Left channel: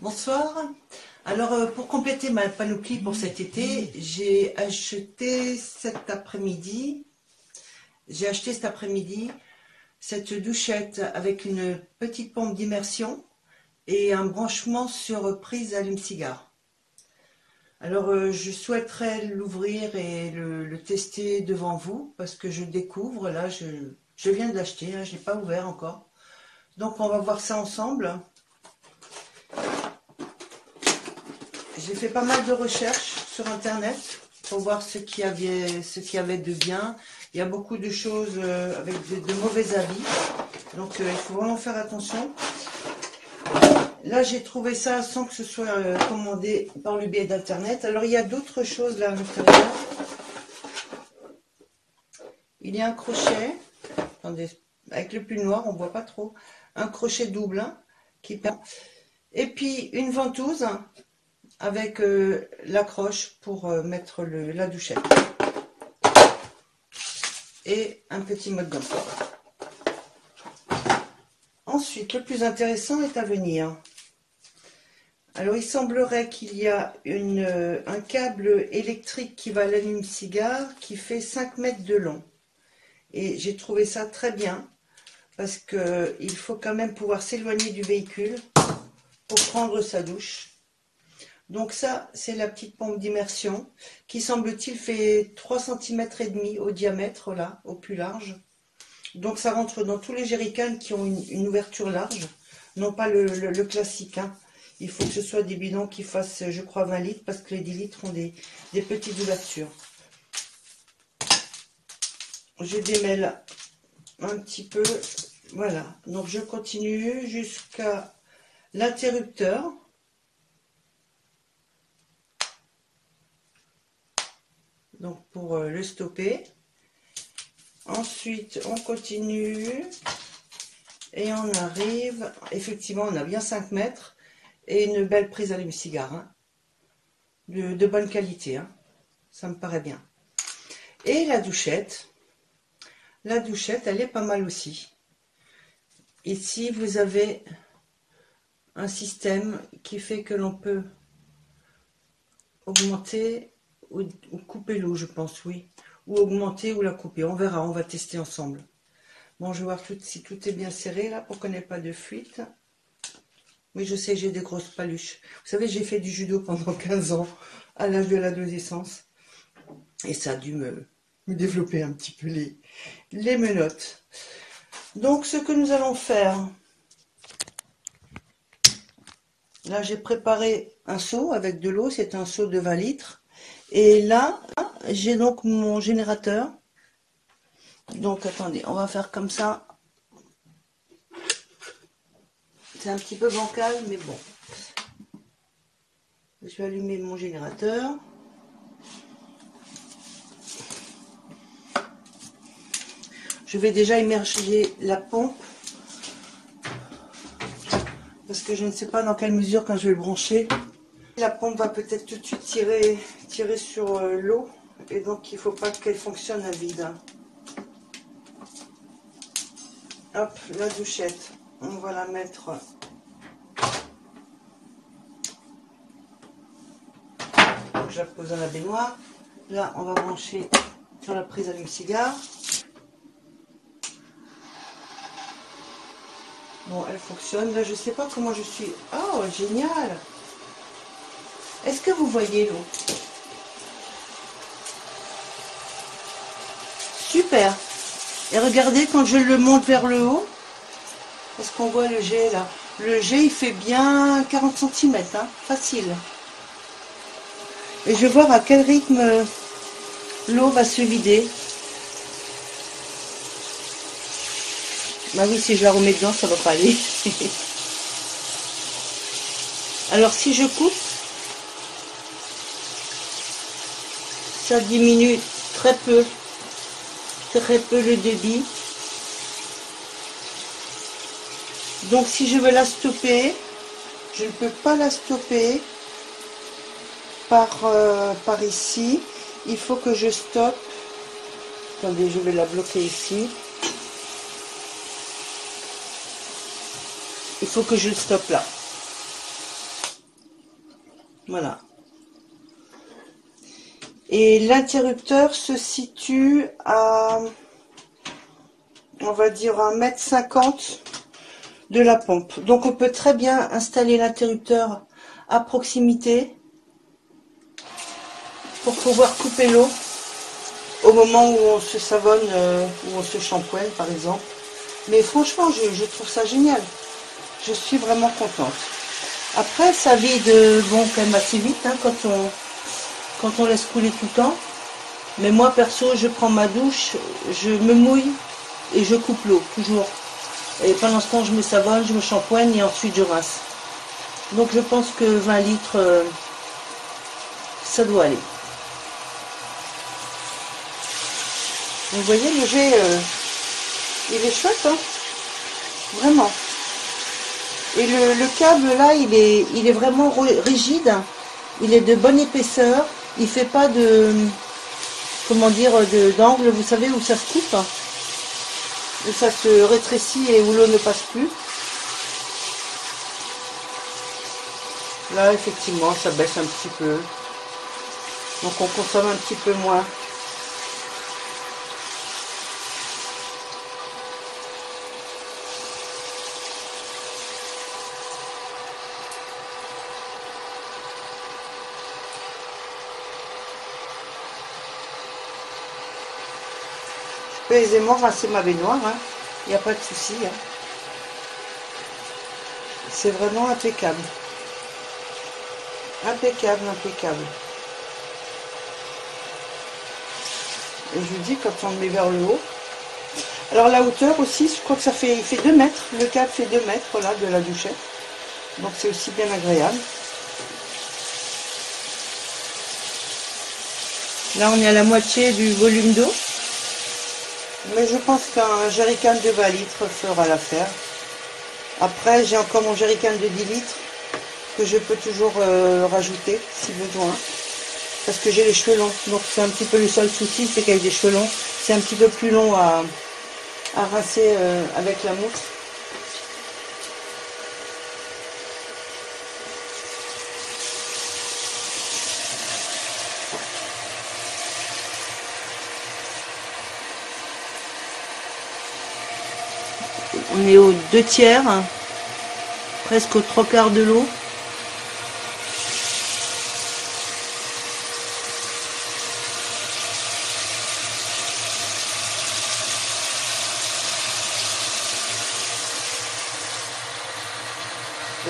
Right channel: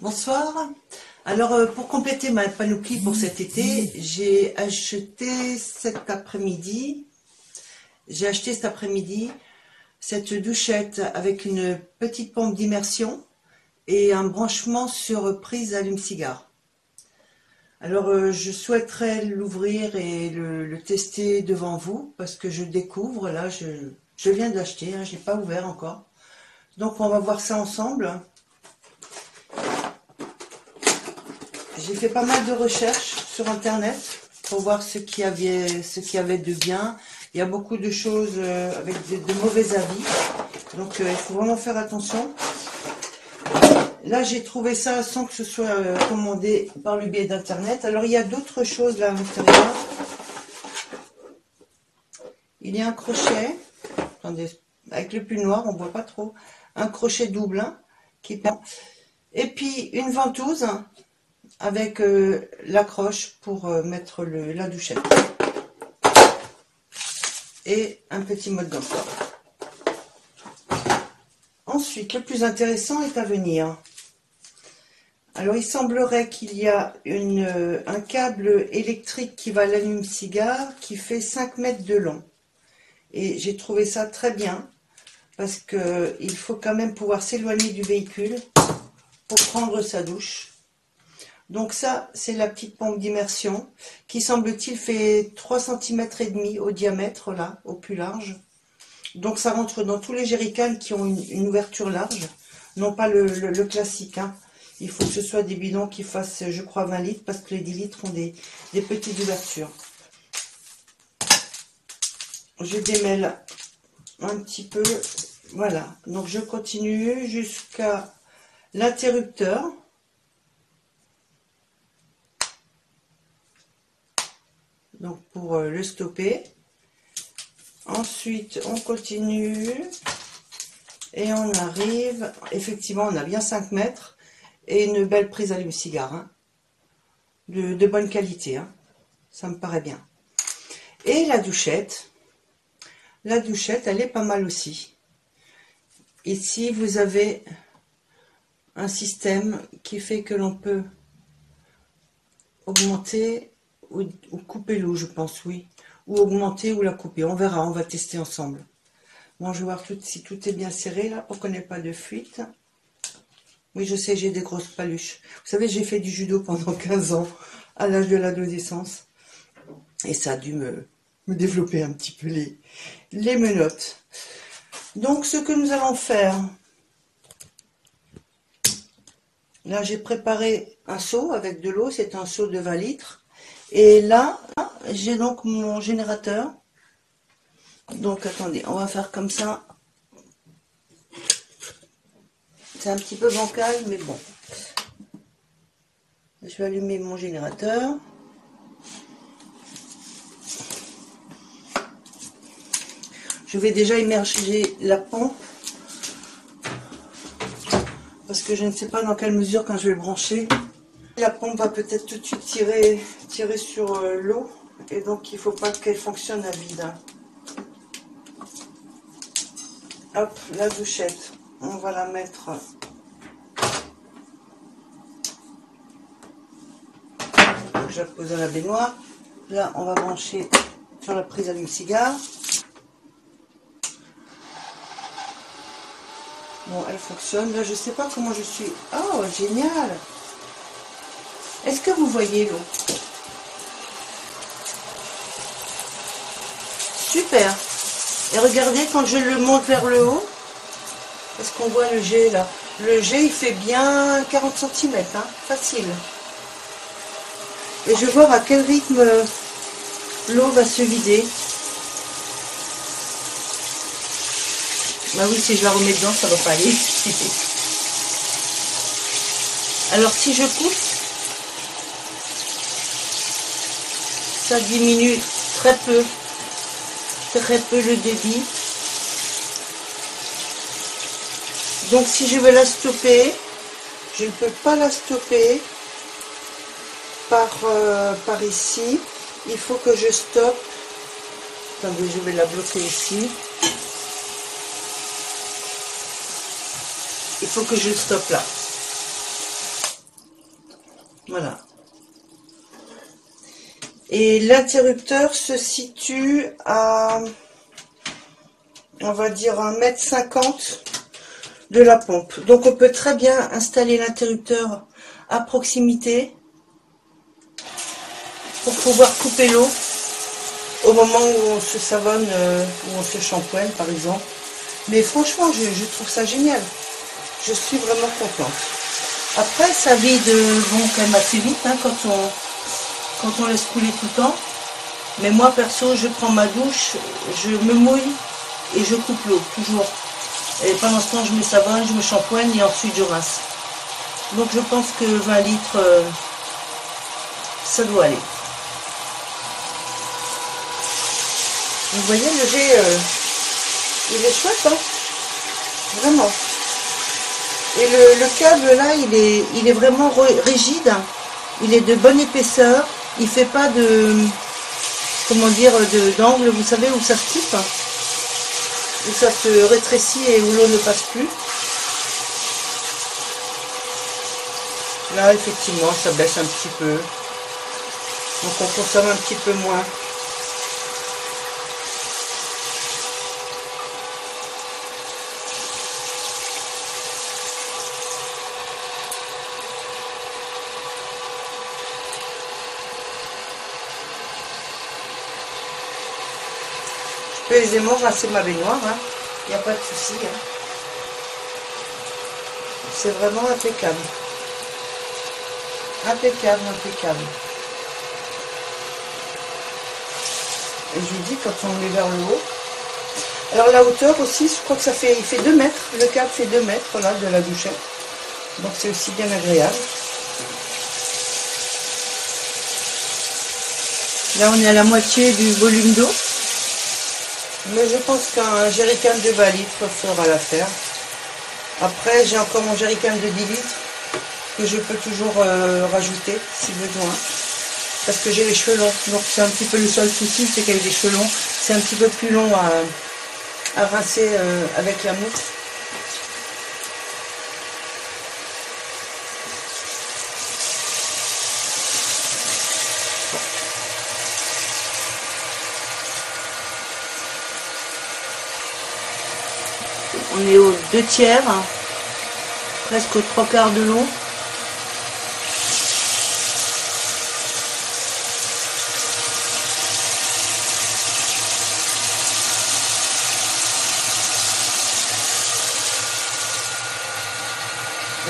Bonsoir. Alors, pour compléter ma panoplie pour cet été, j'ai acheté cet après-midi cette douchette avec une petite pompe d'immersion et un branchement sur prise allume-cigare. Alors, je souhaiterais l'ouvrir et le tester devant vous parce que je découvre, là, je viens de l'acheter, hein, je n'ai pas ouvert encore. Donc, on va voir ça ensemble. J'ai fait pas mal de recherches sur internet pour voir ce qu'il y avait de bien. Il y a beaucoup de choses avec de mauvais avis. Donc il faut vraiment faire attention. Là j'ai trouvé ça sans que ce soit commandé par le biais d'internet. Alors il y a d'autres choses là à l'intérieur. Il y a un crochet. Attendez, avec le pull noir on voit pas trop. Un crochet double qui et puis une ventouse avec l'accroche pour mettre la douchette et un petit mode d'emploi. Ensuite, le plus intéressant est à venir. Alors, il semblerait qu'il y a un câble électrique qui va à l'allume-cigare qui fait 5 mètres de long. Et j'ai trouvé ça très bien parce qu'il faut quand même pouvoir s'éloigner du véhicule pour prendre sa douche. Donc ça, c'est la petite pompe d'immersion qui, semble-t-il, fait 3,5 cm au diamètre, là, au plus large. Donc ça rentre dans tous les jerrycans qui ont une ouverture large, non pas le classique. Hein. Il faut que ce soit des bidons qui fassent, je crois, 20 litres, parce que les 10 litres ont des petites ouvertures. Je démêle un petit peu, voilà. Donc je continue jusqu'à l'interrupteur. Donc pour le stopper. Ensuite, on continue et on arrive, effectivement, on a bien 5 mètres et une belle prise allume-cigare, hein, de bonne qualité, hein, ça me paraît bien. Et la douchette, elle est pas mal aussi. Ici, vous avez un système qui fait que l'on peut augmenter ou couper l'eau, je pense, oui. Ou augmenter ou la couper, on verra, on va tester ensemble. Bon, je vais voir si tout est bien serré là pour qu'on n'ait pas de fuite. Oui, je sais, j'ai des grosses paluches. Vous savez, j'ai fait du judo pendant 15 ans, à l'âge de l'adolescence. Et ça a dû me développer un petit peu les menottes. Donc, ce que nous allons faire... Là, j'ai préparé un seau avec de l'eau. C'est un seau de 20 litres. Et là, j'ai donc mon générateur. Donc, attendez, on va faire comme ça. C'est un petit peu bancal, mais bon. Je vais allumer mon générateur. Je vais déjà immerger la pompe. Parce que je ne sais pas dans quelle mesure quand je vais le brancher. La pompe va peut-être tout de suite tirer sur l'eau. Et donc il ne faut pas qu'elle fonctionne à vide. Hop, la douchette. On va la mettre... Je la pose dans la baignoire. Là, on va brancher sur la prise allume-cigare. Bon, elle fonctionne. Là, je ne sais pas comment je suis... Oh, génial! Est-ce que vous voyez l'eau? Super! Et regardez, quand je le monte vers le haut, est-ce qu'on voit le jet là? Le jet, il fait bien 40 cm, hein, facile. Et je vais voir à quel rythme l'eau va se vider. Bah oui, si je la remets dedans, ça va pas aller. Alors si je pousse, ça diminue très peu le débit. Donc si je veux la stopper, je ne peux pas la stopper par ici. Il faut que je stoppe. Attendez, je vais la bloquer ici. Il faut que je stoppe là. Voilà. Et l'interrupteur se situe à, on va dire, 1,50 m de la pompe. Donc on peut très bien installer l'interrupteur à proximité pour pouvoir couper l'eau au moment où on se savonne, où on se shampoigne par exemple. Mais franchement, je trouve ça génial. Je suis vraiment contente. Après, ça vide bon, quand même assez vite hein, quand on laisse couler tout le temps. Mais moi, perso, je prends ma douche, je me mouille et je coupe l'eau, toujours. Et pendant ce temps, je me savonne, je me shampoigne et ensuite je rince. Donc je pense que 20 litres, ça doit aller. Vous voyez, le jet, il est chouette, hein, vraiment. Et le câble là, il est vraiment rigide. Il est de bonne épaisseur. Il fait pas de, comment dire, d'angle, vous savez, où ça se coupe, où ça se rétrécit et où l'eau ne passe plus. Là, effectivement, ça baisse un petit peu. Donc on consomme un petit peu moins. Je peux aisément rincer ma baignoire, hein. Il n'y a pas de souci. Hein. C'est vraiment impeccable. Impeccable, impeccable. Et je vous dis, quand on le met vers le haut. Alors la hauteur aussi, je crois que ça fait, il fait 2 mètres. Le câble fait 2 mètres là, de la douchette. Donc c'est aussi bien agréable. Là on est à la moitié du volume d'eau. Mais je pense qu'un jerrycan de 20 litres fera l'affaire. Après j'ai encore mon jerrycan de 10 litres que je peux toujours rajouter si besoin. Parce que j'ai les cheveux longs. Donc c'est un petit peu le seul souci, c'est qu'avec des cheveux longs, c'est un petit peu plus long à rincer avec la mousse. On est aux 2/3, hein, presque aux 3/4 de l'eau.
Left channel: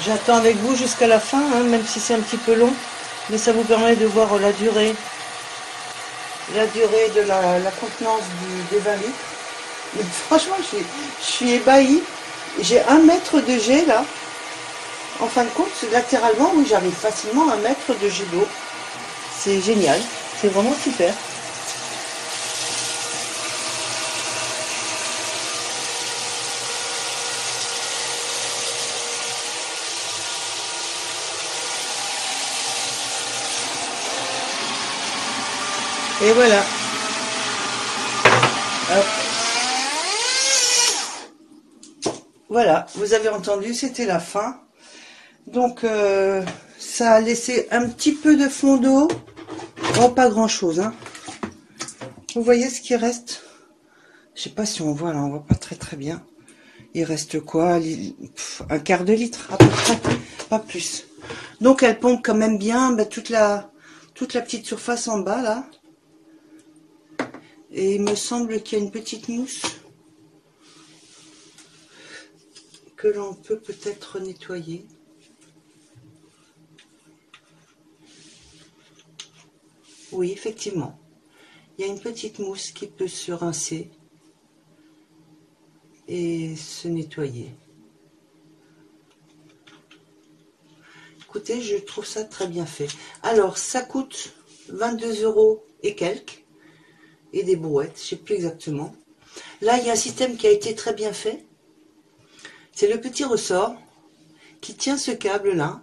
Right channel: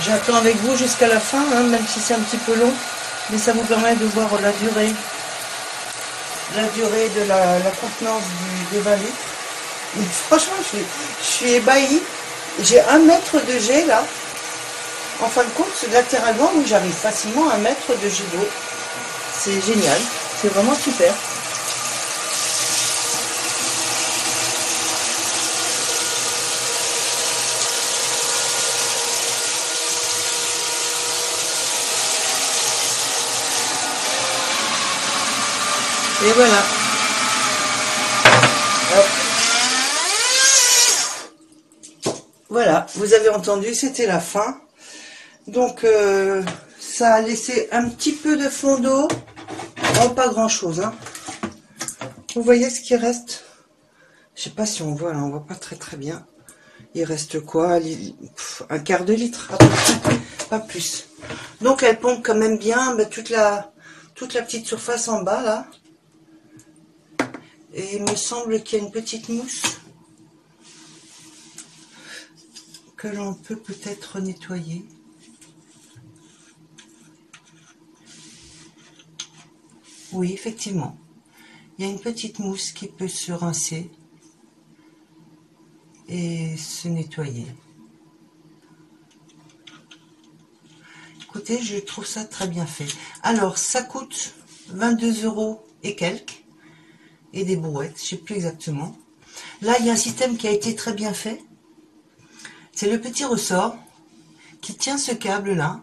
J'attends avec vous jusqu'à la fin, hein, même si c'est un petit peu long, mais ça vous permet de voir la durée de la contenance des 20 litres. Et franchement, je suis ébahie. J'ai 1 mètre de jet là. En fin de compte, latéralement, oui, j'arrive facilement à 1 mètre de jet d'eau. C'est génial. C'est vraiment super. Et voilà. Alors, voilà, vous avez entendu, c'était la fin. Donc, ça a laissé un petit peu de fond d'eau. Oh, pas grand chose, hein. Vous voyez ce qui reste? Je sais pas si on voit là, on voit pas très bien. Il reste quoi? 1/4 de litre, à peu près, pas plus. Donc elle pompe quand même bien toute la petite surface en bas là. Et il me semble qu'il y a une petite mousse que l'on peut peut-être nettoyer. Oui, effectivement. Il y a une petite mousse qui peut se rincer et se nettoyer. Écoutez, je trouve ça très bien fait. Alors, ça coûte 22 € et quelques. Et des brouettes, je ne sais plus exactement. Là, il y a un système qui a été très bien fait. C'est le petit ressort qui tient ce câble-là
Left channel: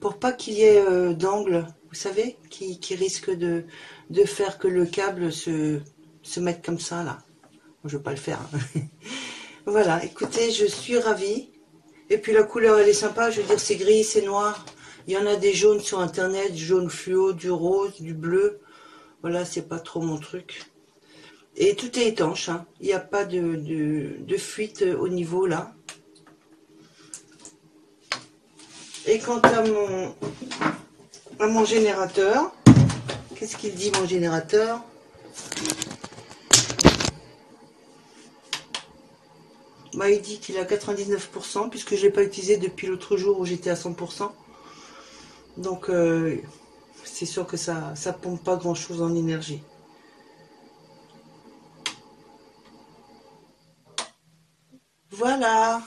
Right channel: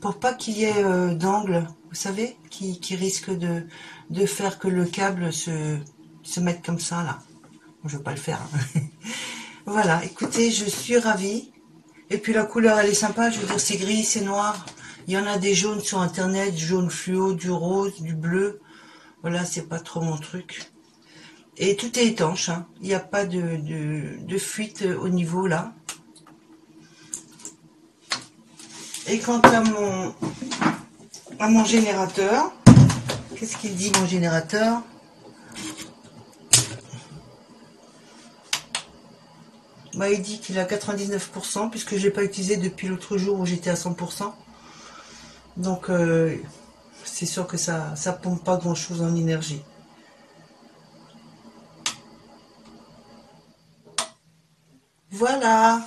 pour pas qu'il y ait d'angle, vous savez, qui risque de faire que le câble se mette comme ça, là. Je ne veux pas le faire. Hein. Voilà, écoutez, je suis ravie. Et puis la couleur, elle est sympa. Je veux dire, c'est gris, c'est noir. Il y en a des jaunes sur internet, jaune fluo, du rose, du bleu. Voilà, c'est pas trop mon truc. Et tout est étanche, hein. Il n'y a pas de fuite au niveau là. Et quant à mon générateur, qu'est-ce qu'il dit mon générateur? Bah, il dit qu'il a 99% puisque je ne l'ai pas utilisé depuis l'autre jour où j'étais à 100%. Donc c'est sûr que ça pompe pas grand chose en énergie. Voilà.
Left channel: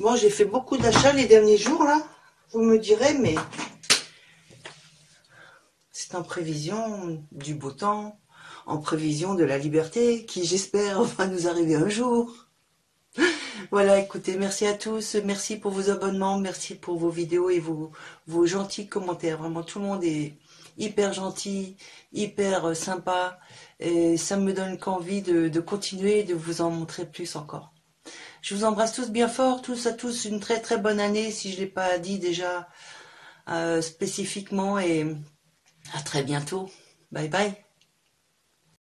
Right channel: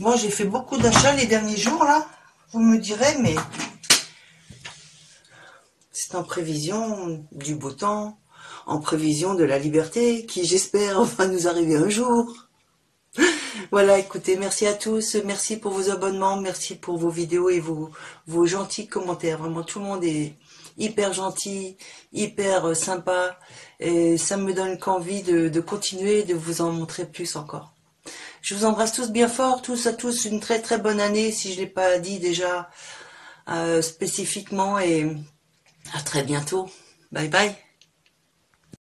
Moi j'ai fait beaucoup d'achats les derniers jours là. Vous me direz, mais c'est en prévision du beau temps, en prévision de la liberté qui j'espère va nous arriver un jour. Voilà, écoutez, merci à tous, merci pour vos abonnements, merci pour vos vidéos et vos gentils commentaires. Vraiment, tout le monde est hyper gentil, hyper sympa, et ça me donne qu'envie de continuer, de vous en montrer plus encore. Je vous embrasse tous bien fort, tous à tous, une très très bonne année, si je ne l'ai pas dit déjà spécifiquement, et à très bientôt. Bye bye.